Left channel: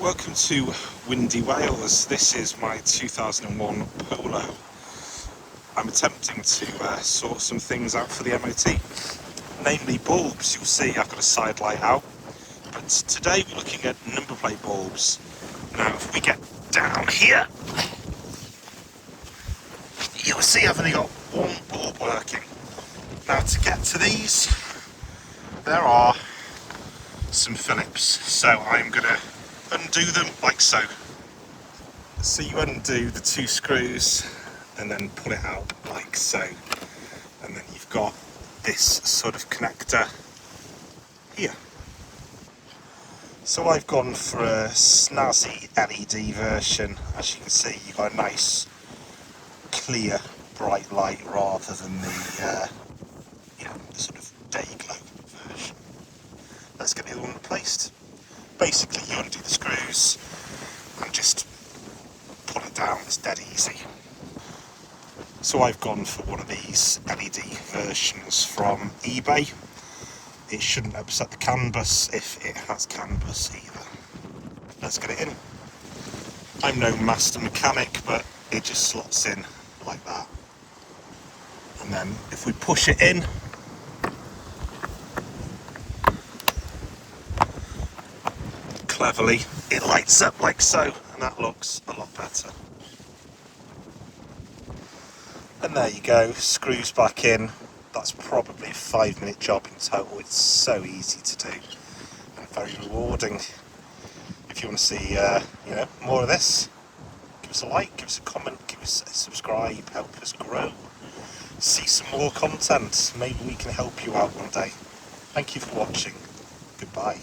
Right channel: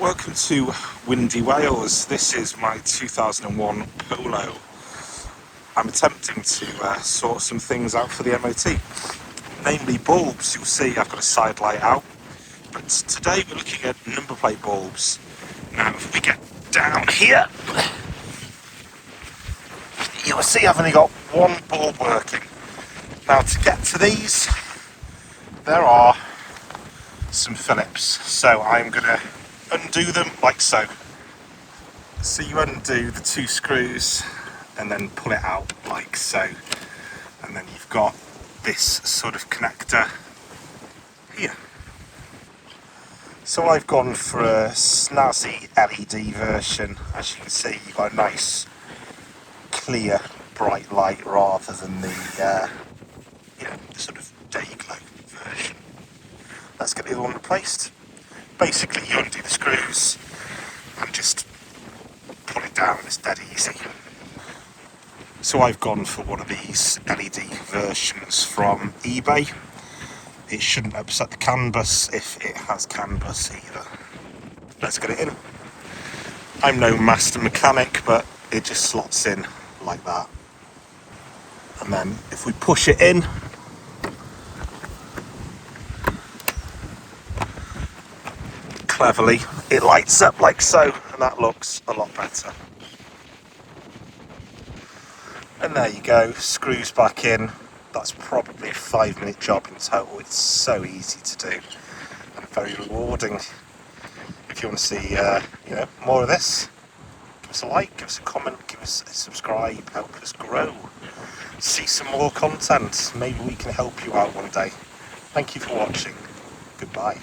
Welcome to windy Wales. This is my 2001 Polo. I'm attempting to sort some things out for the MOT, namely bulbs. You'll see I've got a side light out, but today we're looking at number plate bulbs. Now if we get down here, you'll see I've only got one bulb working. Now to get to these, there are some Phillips, so I'm going to undo them like so. So you undo the two screws and then pull it out like so, and then you've got this sort of connector here. So I've gone for a snazzy LED version. As you can see, you've got a nice clear bright light rather than the the sort of day glow version. Let's get the other one replaced. Basically you undo the screws and just pull it down. It's dead easy. So I've gone for one of these LED versions from eBay. It shouldn't upset the CAN bus if it has CAN bus either. Let's get it in. I'm no master mechanic, but it just slots in like that. And then if we push it in, cleverly, it lights up like so, and that looks a lot better. And there you go, screws back in. That's probably a 5-minute job in total. It's so easy to do and very rewarding. If you want to see more of this, give us a like, give us a comment, give us a subscribe, help us grow. See some more content. Maybe we can help you out one day. Thank you for watching. Goodbye.